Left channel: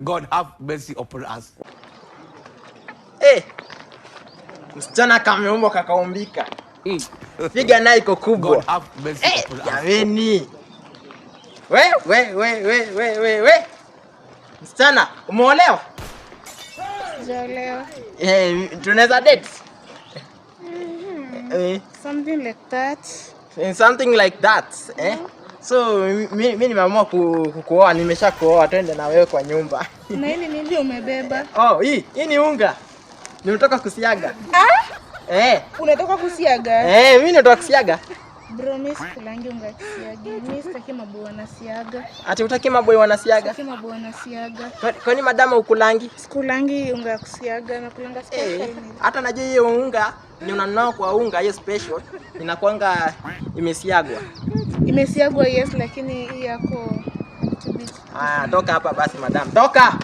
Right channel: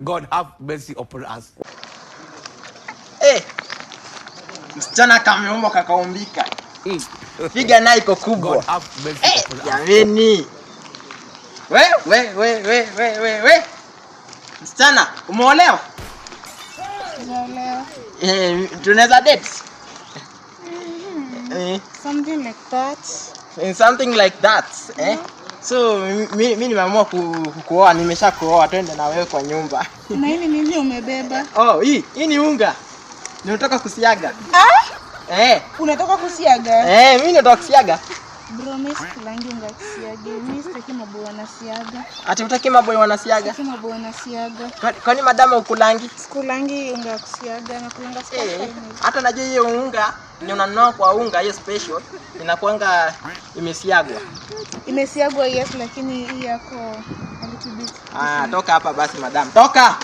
God have mercy upon us. Msichana kameumba kakaumbika. Figa nayo iko kubwa. God have mercy upon us. Jameni. We. Msichana, umeolewa? Umeolewa. Tunaweza date? Something like that. Something like that, So mimi nimeamua kukuoa, nimeshakuoa, twende na wewe kwa nyumba. Na hili nini umebeba? Hii ni unga. Unataka kusiaga? Unataka kusiaga? Mimi nataka kusiaga. Bro, mimi sikulangi unga kusiaga. Mimi sitaki maboy wanasiaga. Ati utaki maboy wanasiaga? Sitaki maboy wanasiaga. Kwani madama ukulangi? Sikulangi unga kusiaga, nakulanga special. Hata najua hiyo unga ni unanunua kwa unga hiyo special inakuanga imesiagwa. Imesiagwa yes, lakini hii yako mtubisi. Toka hapa basi madam. Toka!